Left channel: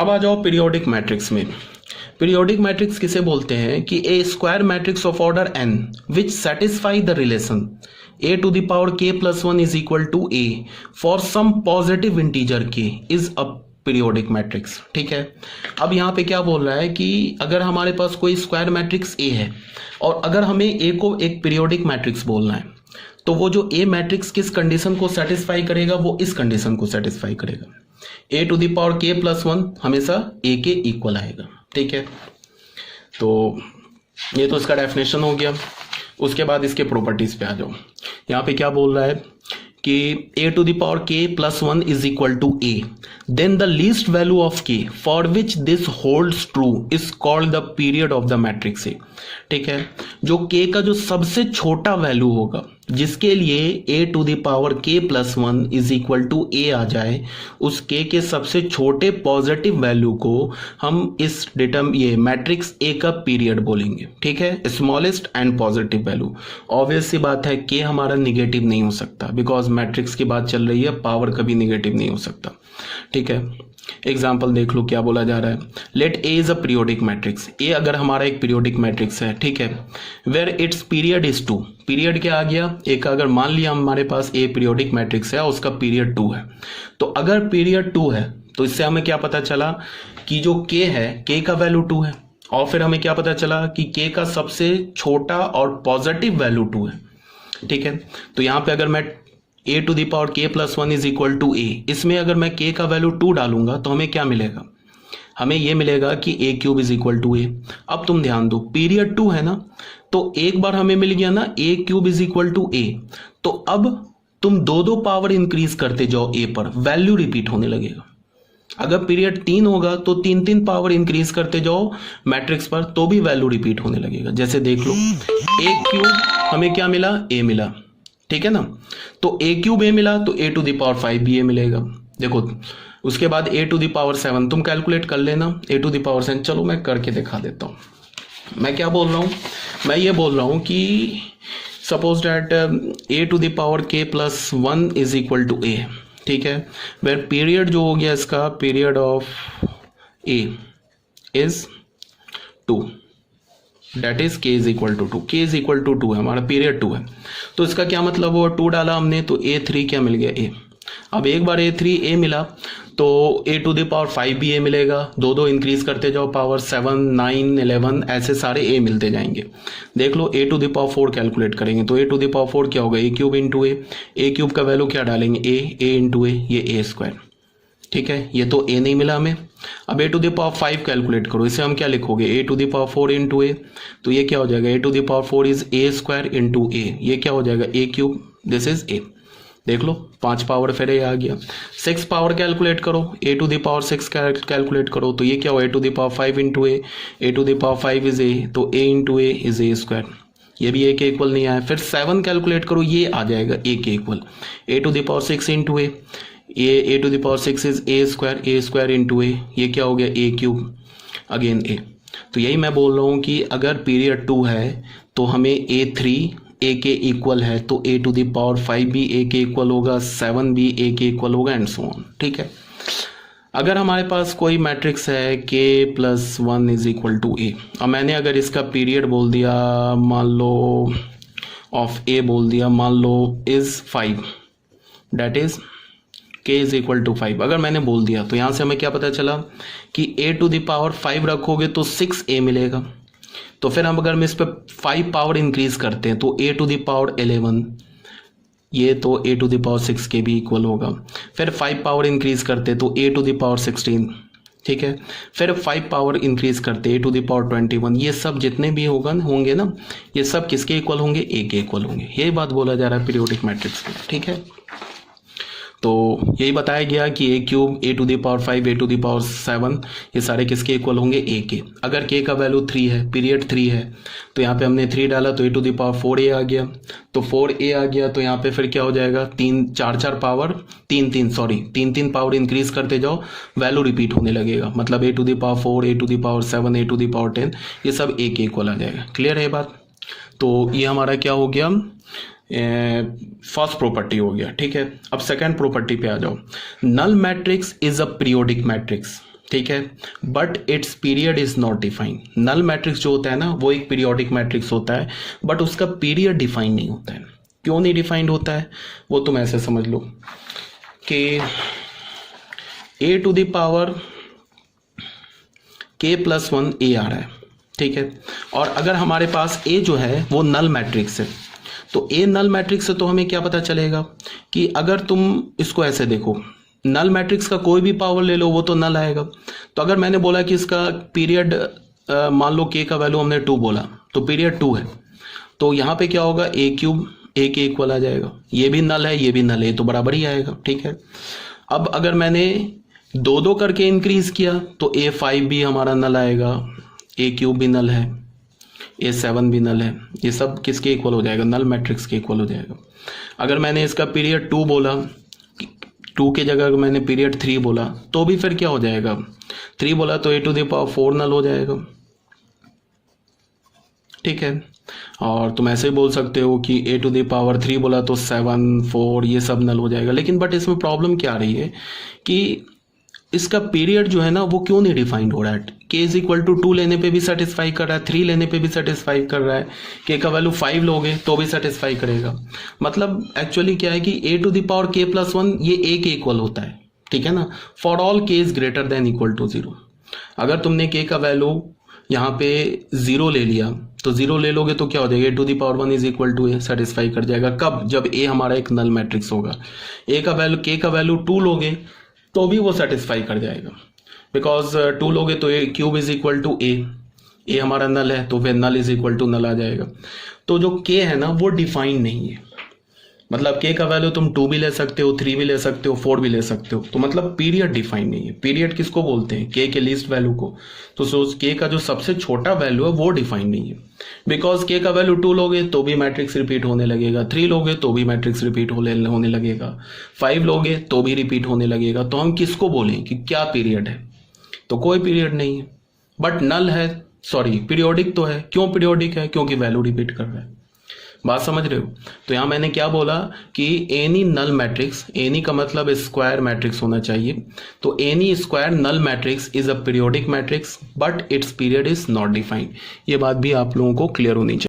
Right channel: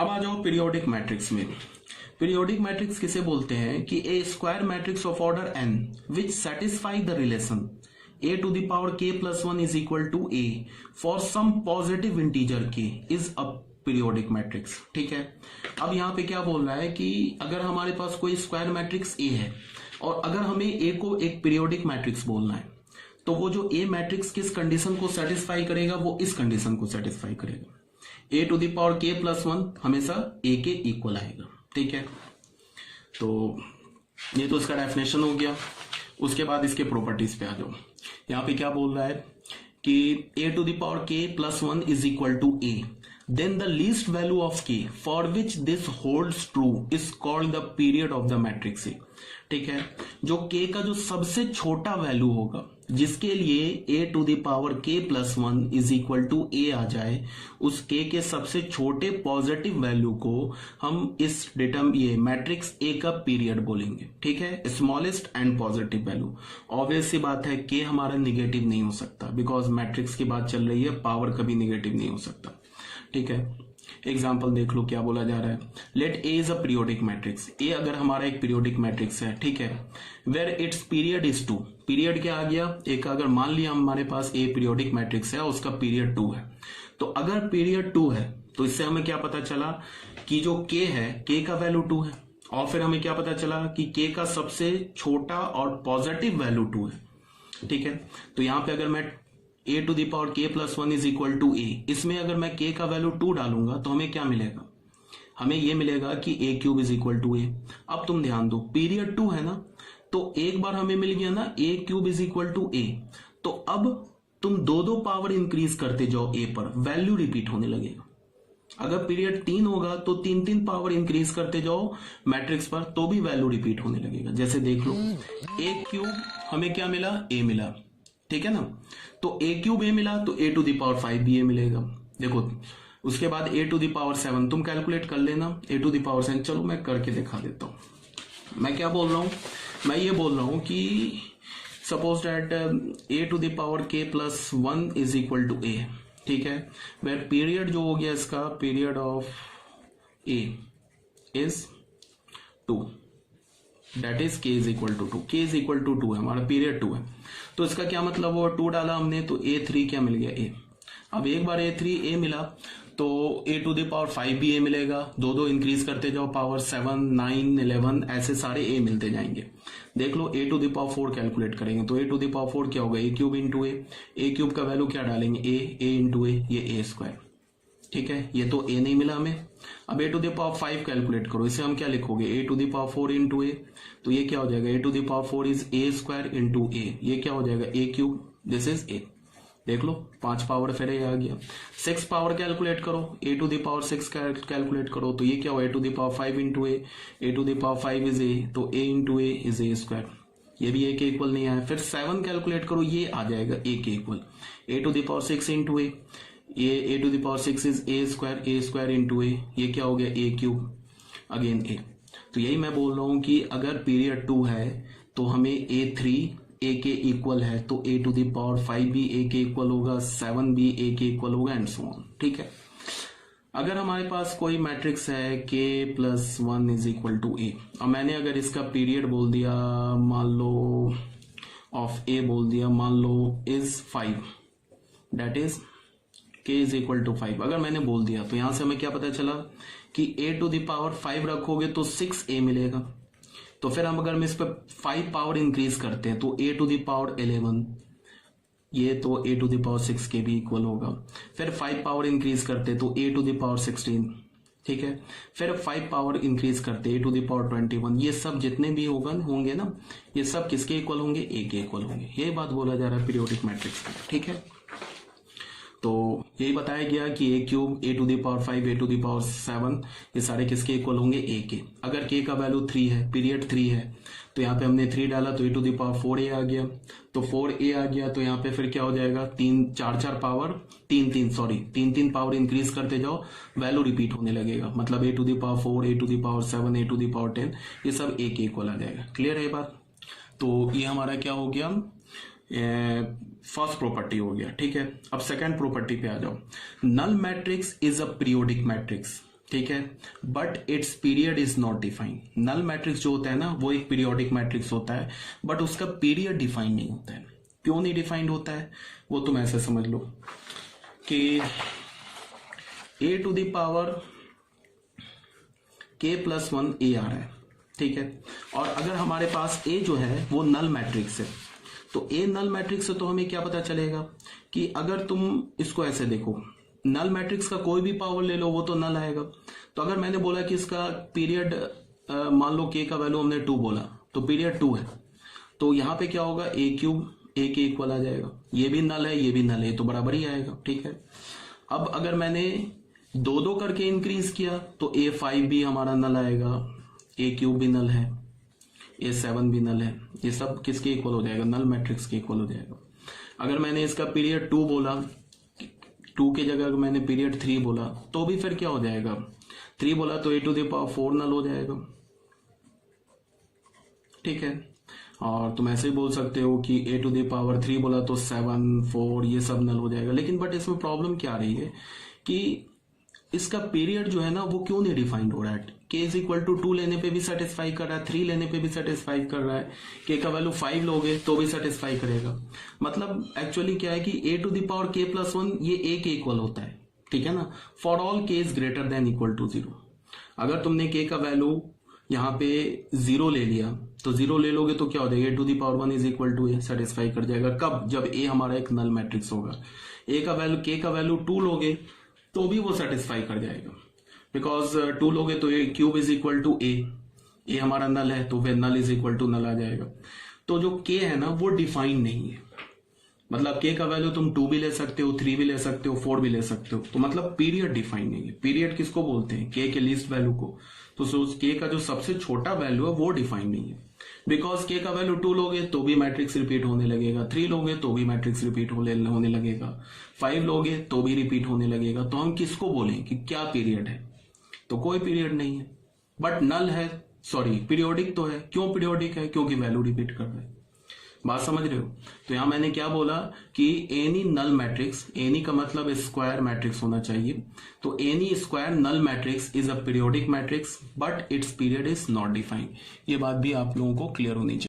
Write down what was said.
अब आ जाओ पीरियोडिक मैट्रिक्स में। पीरियोडिक मैट्रिक्स किसे बोलते हैं कि a square matrix of order n which satisfy the relation a to the power k plus 1 is equal to a for some positive integer k is a periodic matrix. ठीक है, अब यहाँ पे क्या बोल रहा है कि अगर हमारे पास कोई स्क्वायर मैट्रिक्स ए है और अगर हमें ए को एक पीरियोडिक मैट्रिक्स बोलना है तो वो जो ए मैट्रिक्स किस कंडीशन को सेटिस्फाई करेगा, वो इस कंडीशन को सेटिस्फाई करेगा, ए टू द पावर के प्लस 1 हमेशा ए के इक्वल आएगा। ठीक है, तो ये तो इसका डेफिनेशन हो गया। उसके बाद इसके प्रॉपर्टीज पे आ जाओ। यहाँ पे क्या बोल रहा है कि a to the power k plus 1 is equal to a, then the least value of k for which this holds true is called the period of the matrix A. ठीक है, जो k का जो सबसे छोटा वैल्यू होगा जिसके लिए a to the power k plus 1 is equal to a आ जाए, उस k के सबसे छोटे पॉजिटिव वैल्यू को हम इस ये मैट्रिक्स a का पीरियड बोलेंगे। ठीक है, smallest and positive value. Obvious सी बात है k हमारा निगेटिव नहीं हो सकता, बिकॉज मैट्रिक्स की बात चल रही है, पावर कभी निगेटिव नहीं हो सकता। ठीक है, एग्जाम्पल देख लो क्या बोला जा रहा है। Let A is a periodic matrix. A अगर हमारा एक पीरियोडिक मैट्रिक्स है, ठीक है, where its period is 2। Period क्या आ गया, ए का अगर मान लिया हमारे पास ए पीरियोडिक मैट्रिक्स है, उसका पीरियड 2 है, तो अगर पीरियड 2 है तो इससे हमें क्या पता चला कि जो के है, के का वैल्यू 2 है, और फिर हमें क्या पता चला कि के का सबसे छोटा और पॉजिटिव वैल्यू 2 है। ठीक है, तो यहां पे अगर मैं a to the power k plus 1 is equal to a, इसमें अगर मैं k का वैल्यू 2 डालूंगा तो हमें क्या मिलेगा, हमें ये मिलेगा कि a cube is equal to a। अब तुम ध्यान दो, पीरियड 2 है ना, तो एक बार हमें मिल गया ना a cube is equal to a, तो अब तुम दो पावर इंक्रीज करते जाओ a पर, वैल्यू रिपीट होने लगेगा। अगर पीरियड 3 होगा तो 3 पावर इंक्रीज करते जाओ मैट्रिक्स पर, तो भी वैल्यू रिपीट होने लगेगा। जैसे देख लो, a क्यूब हमें क्या मिला, a मिला, ठीक है ना, तो a क्यूब a मिला तो a टू द पावर 5 भी a मिलेगा। देखो, उसके बाद a टू द पावर 7 तुम कैलकुलेट कर लेना, a टू द पावर 7। चलो मैं करके दिखा देता हूं। मैं क्या बोल रहा हूं, मैं ये बोल रहा हूं कि suppose that a to the power k plus 1 is equal to a। ठीक है, वेर पीरियड जो हो गया इसका, period of a is 2, that is k is equal to 2। k is equal to 2 है, हमारा पीरियड 2 है, तो इसका क्या मतलब हुआ, 2 डाला हमने तो a3 क्या मिल गया, a। अब एक बार a3 a मिला तो a टू द पावर 5 भी a मिलेगा, दो इंक्रीज करते जाओ, पावर 7 9 11 ऐसे सारे a मिलते जाएंगे। देख लो, a to the power 4 calculate करेंगे तो a टू द पावर 4 क्या होगा, a cube into a cube का वैल्यू क्या डालेंगे, a इंटू a, ये a स्क्वायर। ठीक है, ये तो a नहीं मिला हमें। अब a to the power 5 calculate करो, इसे हम क्या लिखोगे, a to the power 4 into a, तो ये क्या हो जाएगा, a to the power 4 is a square into a, ये क्या हो जाएगा, a cube, this is a। देख लो, 5 पावर फिर a आ गया। 6 पावर कैलकुलेट करो, a to the power 6 calculate करो, तो ये क्या हो, a to the power 5 into a to the power 5 is a, तो a into a is a square, ये भी a के इक्वल नहीं आया। फिर 7 कैलकुलेट करो, ये आ जाएगा a के equal, a to the power 6 into a, a to the power 6 is a square into a, ये क्या हो गया, a क्यूब अगेन a। तो यही मैं बोल रहा हूँ कि अगर पीरियड 2 है तो हमें a3 a के इक्वल है, तो a टू द पावर 5 भी a के इक्वल होगा, 7 भी a के इक्वल होगा, एंड सो ऑन। ठीक है, अगर हमारे पास कोई मैट्रिक्स है k plus 1 is equal to a, और मैंने अगर इसका पीरियड बोल दिया, मान लो ऑफ a बोल दिया, मान लो is 5, that is k is equal to 5, अगर मैंने बोल दिया तो यहां से हमें क्या पता चला कि a टू द पावर 5 रखोगे तो 6a मिलेगा। तो फिर हम अगर इस पर 5 पावर इंक्रीज करते हैं तो a टू द पावर 11, ये तो a टू द पावर 6 के भी इक्वल होगा। फिर 5 पावर इंक्रीज करते तो a टू द पावर 16, ठीक है, फिर 5 पावर इंक्रीज करते a टू द पावर 21, ये सब जितने भी होंगे ना, ये सब किसके इक्वल होंगे, a के इक्वल होंगे। यही बात बोला जा रहा है पीरियोडिक मैट्रिक्स में। ठीक है, तो यही बताया गया कि a cube, a to the power 5, a to the power 7, ये सारे किसके इक्वल होंगे, a के। अगर k का वैल्यू 3 है, पीरियड 3 है, तो यहाँ पे हमने 3 डाला तो a to the power 4a आ गया, तो 4a आ गया, तो यहाँ पे फिर क्या हो जाएगा, 4 पावर 3 पावर इंक्रीज करते जाओ, वैल्यू रिपीट होने लगेगा, मतलब a to the power 4, a to the power 7, a to the power 10, ये सब a के इक्वल आ जाएगा। क्लियर है बात? तो ये हमारा क्या हो गया, फर्स्ट प्रॉपर्टी हो गया। ठीक है, अब सेकंड प्रॉपर्टी पे आ जाओ। Null matrix is a periodic matrix. ठीक है, but it's period is not defined. Null matrix जो होता है ना वो एक पीरियोडिक मैट्रिक्स होता है, बट उसका पीरियड डिफाइन नहीं होता है। क्यों नहीं डिफाइंड होता है वो तुम ऐसे समझ लो कि a to the power k plus 1 a आ रहा है, ठीक है, और अगर हमारे पास a जो है वो नल मैट्रिक्स है, तो a नल मैट्रिक्स है तो हमें क्या पता चलेगा कि अगर तुम इसको ऐसे देखो, नल मैट्रिक्स का कोई भी पावर ले लो वो तो नल आएगा। तो अगर मैंने बोला कि इसका पीरियड मान लो k का वैल्यू हमने 2 बोला, तो पीरियड 2 है, तो यहाँ पे क्या होगा a क्यूब a के इक्वल आ जाएगा। ये भी नल है ये भी नल है, तो बराबर ही आएगा, ठीक है। अब अगर मैंने 2 करके इंक्रीज किया तो a5 भी हमारा नल आएगा, a क्यूब भी नल है, a7 भी नल है, ये सब किसके इक्वल हो जाएगा, नल मैट्रिक्स के इक्वल हो जाएगा। अगर मैंने इसका पीरियड 2 बोला, 2 की जगह अगर मैंने पीरियड 3 बोला तो भी फिर क्या हो जाएगा, 3 बोला तो a टू द पावर 4 नल हो जाएगा, ठीक है। और तुम ऐसे ही बोल सकते हो कि a टू द पावर 3 बोला तो 7 4 ये सब नल हो जाएगा। लेकिन बट इसमें प्रॉब्लम क्या आ रही है कि इसका पीरियड जो है ना वो क्यों नहीं डिफाइंड हो रहा है। k इज इक्वल टू 2 लेने पे भी सेटिस्फाई कर रहा है, 3 लेने पे भी सेटिस्फाई कर रहा है, k का वैल्यू 5 लोगे तो भी सेटिस्फाई करेगा। मतलब एक्चुअली क्या है कि a to the power k plus 1 ये a के इक्वल होता है, ठीक है ना, for all k is greater than equal to 0। अगर तुमने k का वैल्यू यहाँ पे 0 ले लिया तो 0 ले लोगे तो क्या हो जाएगा, a to the power 1 is equal to a, satisfy कर जाएगा। कब, जब a हमारा एक नल मैट्रिक्स होगा। a का वैल्यू k का वैल्यू 2 लोगे तो भी वो सेटिस्फाई कर जाएगा, बिकॉज 2 लोगे तो a cube is equal to a हमारा नल है तो फिर null is equal to null आ जाएगा। तो जो k है ना वो डिफाइन नहीं है, मतलब k का वैल्यू तुम 2 भी ले सकते हो, 3 भी ले सकते हो, 4 भी ले सकते हो, तो मतलब पीरियड डिफाइन नहीं है। पीरियड किसको बोलते हैं, k के लीस्ट वैल्यू को। तो k का जो सबसे छोटा वैल्यू है वो डिफाइन नहीं है, बिकॉज k का वैल्यू 2 लोगे तो भी मैट्रिक्स रिपीट होने लगेगा, 3 लोगे तो भी मैट्रिक्स रिपीट होने लगेगा, 5 लोगे तो भी रिपीट होने लगेगा। तो हम किसको बोलें कि क्या पीरियड है, तो कोई पीरियड नहीं है। बट नल है, सॉरी पीरियोडिक तो है। क्यों पीरियोडिक है, क्योंकि वैल्यू रिपीट कर रहा है। बात समझ रहे हो। तो यहां मैंने क्या बोला कि एनी नल मैट्रिक्स, एनी का मतलब स्क्वायर मैट्रिक्स होना चाहिए, तो any square null matrix is a periodic matrix but it's period is not defined. ये बात भी आप लोगों को क्लियर होनी चाहिए।